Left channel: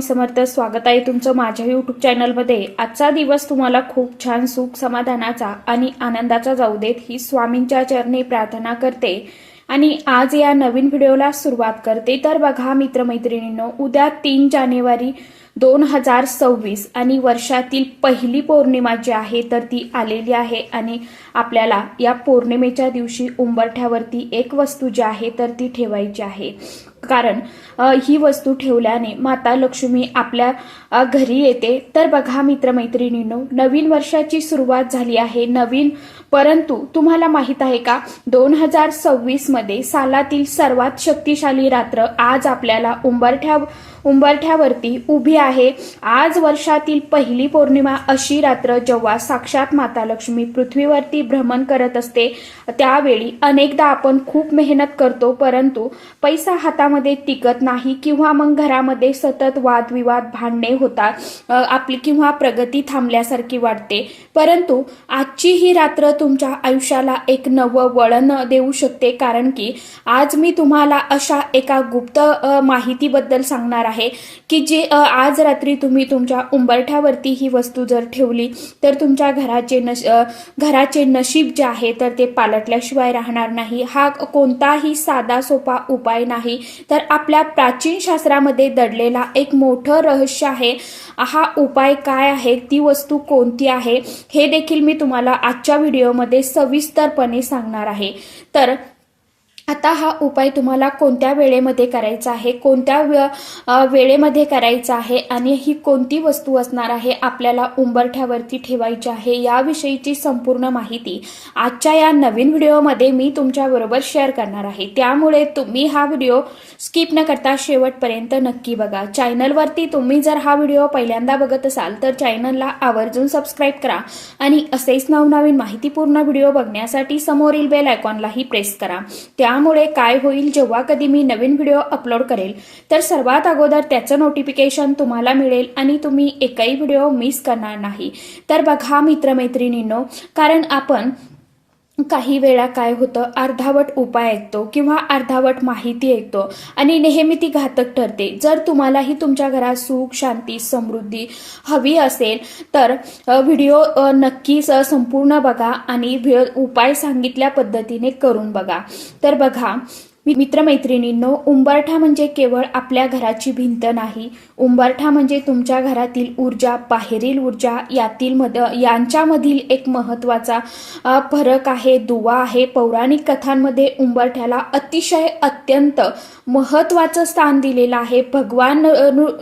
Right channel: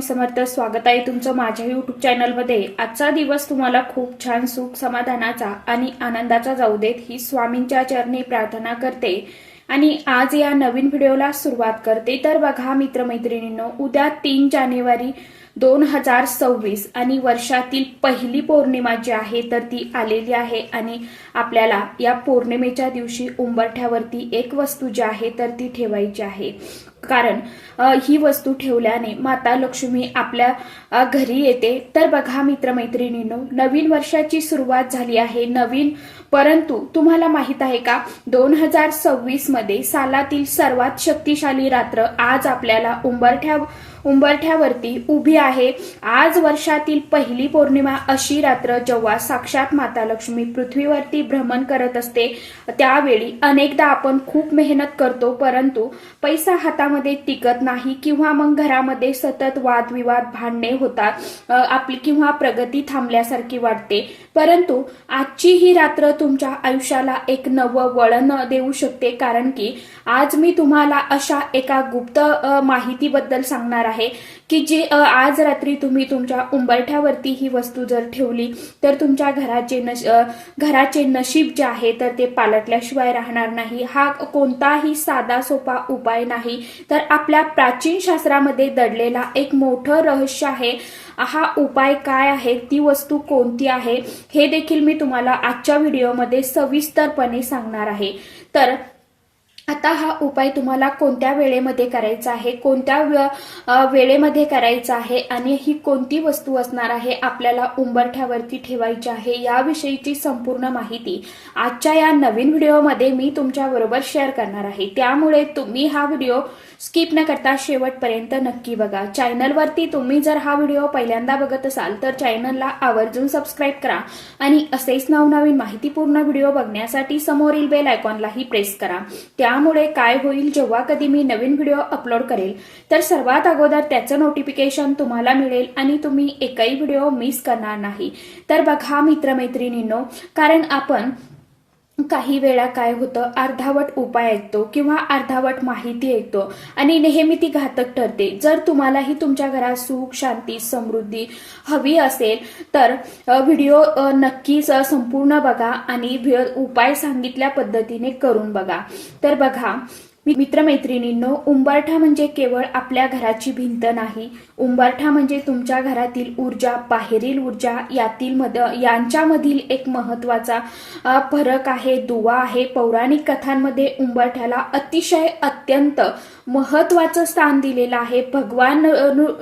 स्वामी समर्थ. स्वागत आहे तुमचं माझ्या युट्यूब चॅनलमध्ये. आजचा दिवस तुम्हाला खूप छान सुख समाधानाचा आणि आनंदाचा जाऊ देत ही स्वामींच्या चरणी प्रार्थना करते आणि आज या नवीन व्हिडिओला सुरुवात करते. तर बघा मित्रमैत्रिणींनो, उद्या 3 जानेवारी 2026 आणि वर्षातील पहिली पौर्णिमा जी आहे तर ती आलेली आहे आणि आपल्याला या पौर्णिमेच्या दिवशी उंबरठ्यावरती एक वस्तू जी आहे तर ती ठेवायची आहे. कारण ही वस्तू ठेवल्याने माता लक्ष्मी आपल्या घरी येते. तर बघा मित्रमैत्रिणींनो, नवीन वर्षाची सुरुवात झाली आहे. परंतु तुम्हाला माहित आहे का, 2026 मध्ये सालातील सर्वात शक्तिशाली रात्र आज आपल्याला उंबरठ्यावरती उभी आहे. आज वर्षातील पहिली पौर्णिमा अशी रात्र जेव्हा साक्षात माता लक्ष्मी पृथ्वीवरती भ्रमण करत असते. त्यावेळी अनेकदा आपण खूप मेहनत करतो, परंतु पैसा हातामध्ये टिकत नाही किंवा मग घरामध्ये सतत वादविवाद, भांडणे होतात, आपली किंवा प्रगती थांबल्यासारखी वाटते. परंतु आजची ही रात्र तुमच्या आयुष्याला एक नवं वळण देऊ शकते. कारण की आज मी तुम्हाला अशा एका गुप्त माहितीबद्दल सांगणार आहे की जी आज रात्री तुम्ही तुमच्या उंबरठ्यावरती ही वस्तू जर ठेवली तर तुमच्या घराचे नशीब जे आहे तर ते पालटल्याशिवाय राहणार नाही. हा कोणताही साधा सोपा उपाय नाही, तर आपल्या प्राचीन शास्त्रामध्ये दडलेला एक मोठं रहस्य आहे. हा उपाय काय आहे, ती वस्तू कोणती आहे, हे देखील मी तुम्हाला आजच्या व्हिडिओमध्ये सविस्तरपणे सांगणार आहे. तर आता हा उपाय तुम्हाला कोणत्या वेळेमध्ये करायचा आहे, कोणत्या वेळेमध्ये करायचा आहे आणि ही कोणती वस्तू असणार आहे, आपल्याला उंबरठ्यावरती ठेवायची आहे, याविषयीची संपूर्ण माहिती आजच्या या नवीन व्हिडिओमध्ये मी तुमच्या बरोबर शेअर करणार आहे. त्यामुळे तुम्ही हा व्हिडिओ स्किप न करता शेवटपर्यंत नक्की बघा. चॅनलवरती तुम्ही जर हा व्हिडिओ पहिल्यांदा बघत असाल तर चॅनलला आवर्जून सबस्क्राईब करा आणि असेच नवनवीन माहितीपूर्ण व्हिडिओ बघण्यासाठी समोरील बेल आयकॉनलाही प्रेस करा. त्यामुळे काय होईल, जेव्हा कधी मी नवीन व्हिडिओ अपलोड करेल तर सर्वात अगोदर त्याचं नोटिफिकेशन तुम्हाला मिळेल आणि तुम्ही एकही व्हिडिओ मिस करणार नाही. तर बघा मित्रमैत्रिणींनो, कारण आपण काही वेळा काय होतं, अर्धावट उपाय ऐकतो किंवा अर्धावट माहिती ऐकतो आणि नेहमी ती घातक ठरते. जर तुम्हालाही तुमच्या घरात सुख, शांती, समृद्धी हवी असेल तर व्हिडिओ नक्कीच संपूर्ण बघा आणि उपाय सांगितल्या पद्धतीने करून बघा. तर बघा मित्रमैत्रिणींनो, उंबरठा म्हणजे केवळ आपल्या घराची भिंत नाही. उंबरठा म्हणजे तुमच्या घरातील ऊर्जा, बाहेरील ऊर्जा यांच्यामधील एक महत्वाचा फरक आहे, दुवा आहे. पौराणिक कथांमध्ये उंबरठ्याला अत्यंत महत्वाचं स्थान दिलेलं आहे. भगवान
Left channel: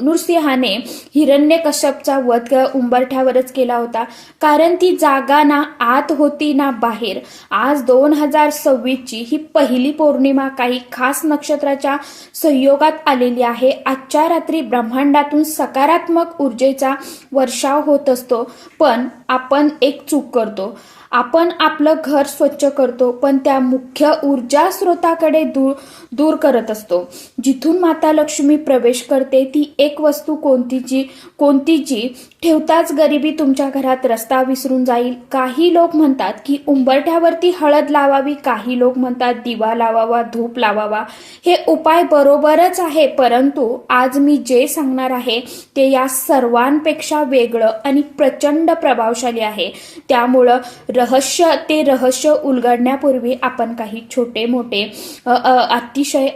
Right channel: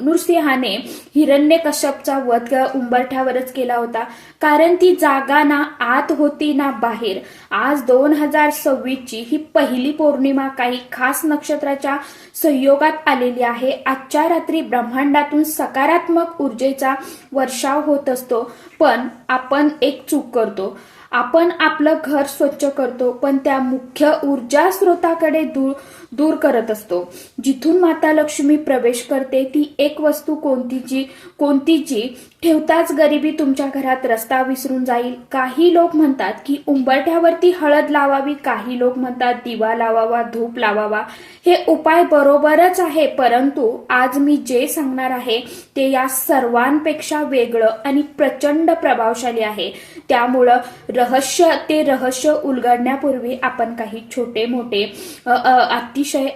नृसिंहाने हिरण्यकश्यपचा वध उंबरठ्यावरच केला होता, कारण ती जागा ना आत होती ना बाहेर. आज 2026 ची ही पहिली पौर्णिमा काही खास नक्षत्राच्या संयोगात आलेली आहे. आजच्या रात्री ब्रह्मांडातून सकारात्मक ऊर्जेचा वर्षाव होत असतो, पण आपण एक चूक करतो. आपण आपलं घर स्वच्छ करतो, पण त्या मुख्य ऊर्जा स्रोताकडे दूर करत असतो, जिथून माता लक्ष्मी प्रवेश करते. ती एक वस्तू कोणती जी ठेवताच गरिबी तुमच्या घरात रस्ता विसरून जाईल. काही लोक म्हणतात की उंबरठ्यावरती हळद लावावी, काही लोक म्हणतात दिवा लावावा, धूप लावावा. हे उपाय बरोबरच आहे, परंतु आज मी जे सांगणार आहे ते या सर्वांपेक्षा वेगळं आणि प्रचंड प्रभावशाली आहे. त्यामुळं रहस्य उलगडण्यापूर्वी आपण काही छोटे मोठे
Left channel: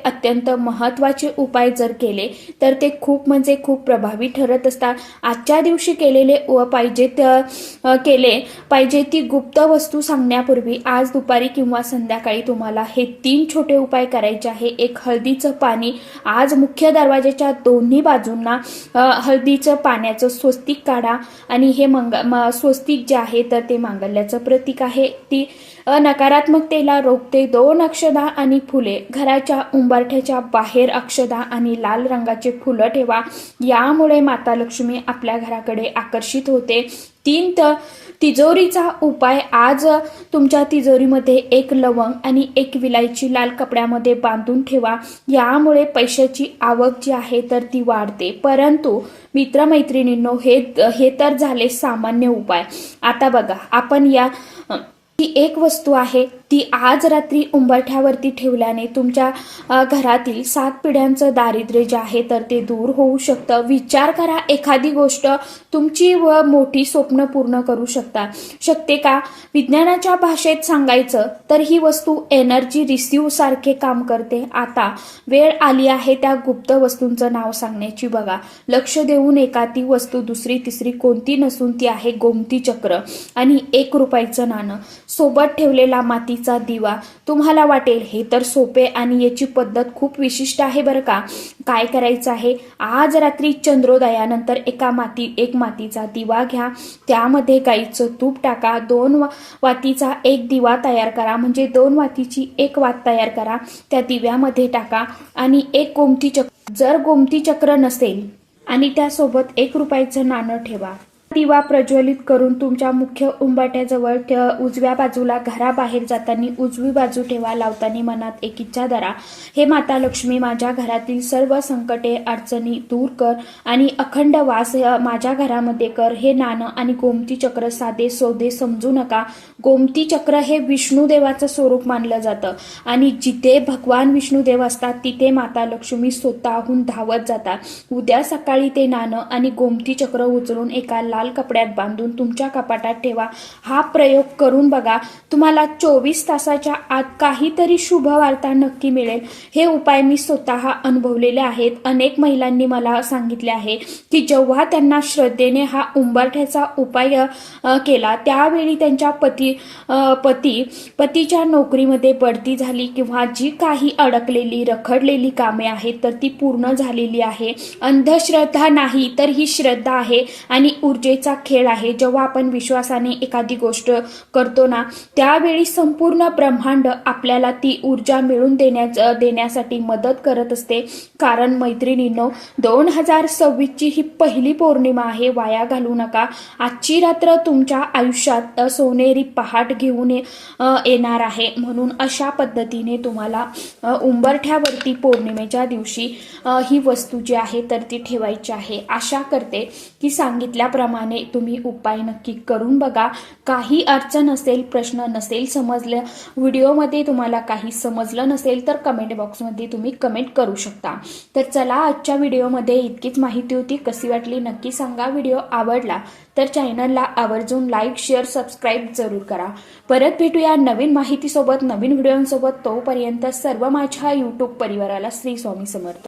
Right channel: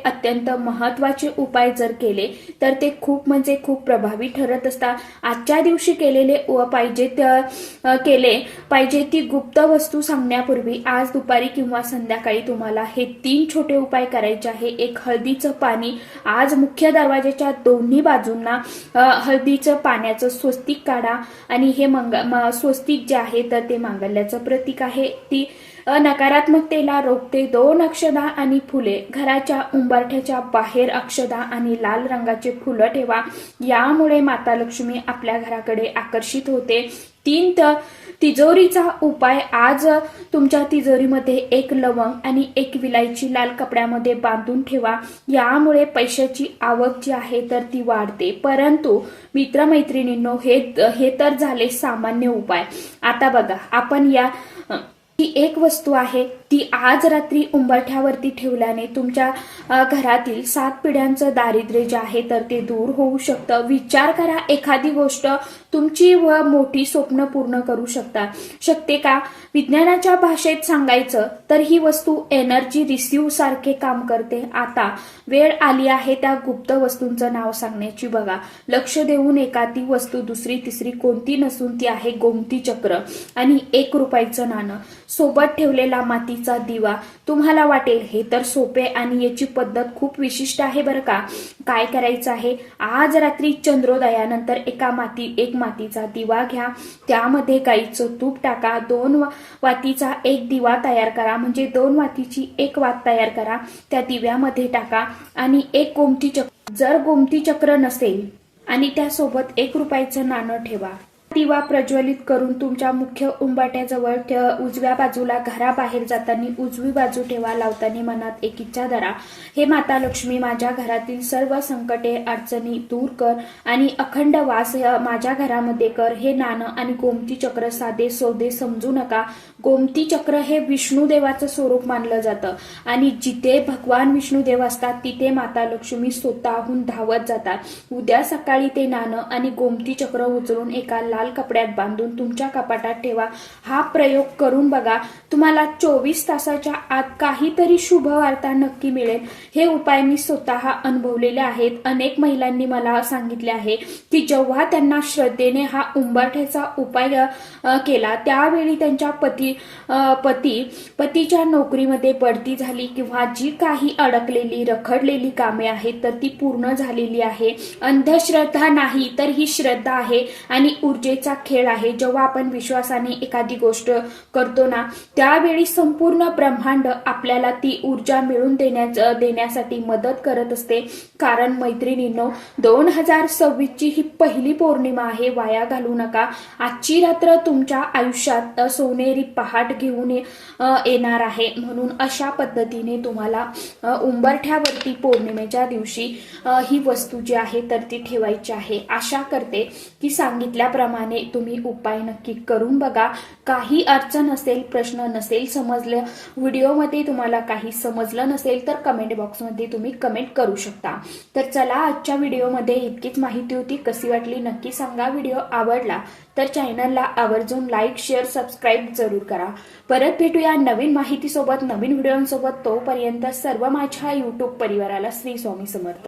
अत्यंत महत्वाचे उपाय जर केले तर ते खूप म्हणजे खूप प्रभावी ठरत असतात. आजच्या दिवशी केले पाहिजे ती गुप्त वस्तू सांगण्यापूर्वी आज दुपारी किंवा संध्याकाळी तुम्हाला हे 3 छोटे उपाय करायचे आहे. एक, हळदीचं पाणी. आज मुख्य दरवाजाच्या दोन्ही बाजूंना हळदीचं पाण्याचं स्वस्तिक काढा आणि हे स्वस्तिक जे आहे तर ते मांगल्याचं प्रतीक आहे. ती नकारात्मकतेला रोखते. 2 अक्षदा आणि फुले. घराच्या उंबरठ्याच्या बाहेर अक्षदा आणि लाल रंगाचे फुलं ठेवा, यामुळे माता लक्ष्मी आपल्या घराकडे आकर्षित होते. 3, तिजोरीचा उपाय. आज तुमच्या तिजोरीमध्ये एक लवंग आणि एक विलायची लाल कपड्यामध्ये बांधून ठेवा, यामुळे पैशाची आवक जी आहे तर ती वाढते. परंतु मित्रमैत्रिणींनो, हे तर झाले सामान्य उपाय. आता बघा, आपण या ही एक वस्तू आहे ती आज रात्री उंबरठ्यावरती ठेवल्याने तुमच्या घरातील 7 पिढ्यांचं दारिद्र्य जे आहे तर ते दूर होऊ शकतं. विचार करा, एखादी गोष्ट तुमची व मोठी स्वप्न पूर्ण करू शकते का? विज्ञानाच्या भाषेत सांगायचं तर ही वस्तू एनर्जी रिसिव्ह सारखे काम करते. आता वेळ आली आहे त्या गुप्त वस्तूंचं नाव सांगण्याची. बघा, लक्ष देऊन एका ती वस्तू दुसरी तिसरी कोणती नसून ती आहे गोमती चक्र आणि 1 रुपयाचं नाणं. सोबत ठेवलेला मातीचा दिवा. तुम्हाला वाटेल हे तर सोपे आणि याची पद्धत खूप विशिष्ट आहे बरं का. काय करायचं आहे, आज रात्री चंद्रोदयानंतर एक मातीचा दिवा घ्या, त्यामध्ये गाईचं तूप टाका, 2 वातीचा एक दिवा तयार करा, म्हणजे 2 वातीची 1 वात तयार करा, त्या दिव्यामध्ये टाका आणि 1 गोमती चक्र. जर गोमती चक्र नसेल आणि त्यासोबत 1 रुपयाचं नाणं ठेवा. दिवा प्रज्वलित करून तुमच्या मुख्य उंबरठ्याजवळ उजव्या बाजूला घराबाहेर जाताना उजवी बाजू ठेवा. लावताना मनात एक इच्छा धरा, हे माता लक्ष्मी माझ्या घरातील सर्व संकटे अडचणी दूर कर आणि अखंड वास माझ्या घरामध्ये कर. हे नाणं आणि गोमती चक्र साधे सौदे समजू नका. गोमती चक्र हे विष्णुदेवाचं स्वरूप मानलं जातं आणि जिथे भगवान विष्णुदेव असतात तिथे माता लक्ष्मी स्वतःहून धावत जातात. उद्या सकाळी ते नाणं आणि गोमती चक्र उचलून एका लाल कपड्यात बांधून तुमच्या कपाटात ठेवा. हा प्रयोग करून बघा, तुम्हाला 24 तासाच्या आत काहीतरी शुभ वार्ता नक्की मिळेल. हे उपाय मी स्वतः अनुभवलेले आहेत. अनेक महिलांनी मला सांगितले आहे की जेव्हा त्यांना श्रद्धेने हा उंबरठ्याचा उपाय केला त्यावेळी त्यांच्या पतीच्या नोकरीमध्ये बढती झाली किंवा जी काही अडकलेली रखडलेली कामे आहेत तर ती पूर्ण झालेली आहे. अंधश्रद्धा नाही तर ही श्रद्धा आहे आणि ऊर्जेचा खेळ आहे. जेव्हा आपण विश्वासाने एखादी गोष्ट करतो ना त्यावेळी संपूर्ण ब्रह्मांड आपल्याला ती ऊर्जा मिळवून देण्यासाठी मदत करत असते. कारण मैत्रिणींनो, 2026 ची ही पहिली पौर्णिमा आहे, वाया घालवू नका. आजची रात्र तुमच्या आयुष्यात सोनेरी पहाट घेऊन येणार आहे. म्हणून अशा पद्धतीने तुम्हाला उंबरठ्यावरती पौर्णिमेच्या दिवशी ही वस्तू जी आहे तर ती ठेवायची आहे. आशा करते की सांगितल्याप्रमाणे तुम्ही उपाय नक्की करून बघा. काही अडचण असेल, प्रश्न नसेल समजलं, व्हिडिओमध्ये तुम्हाला काही समजलं नसेल तर कमेंट बॉक्समध्ये तुम्ही कमेंट करू शकता. तर चला, आजच्या व्हिडिओमध्ये इतकीच माहिती होती. कशी वाटली नक्की सांगा. व्हिडिओ आवडला तर चॅनलला आवर्जून लाईक, शेअर, सबस्क्राईब जरूर करा. परत भेटूया नवीन माहितीसोबत, नवीन व्हिडिओसोबत. तोपर्यंत सर्व माझ्या यूट्यूब परिवाराला श्री स्वामी समर्थ.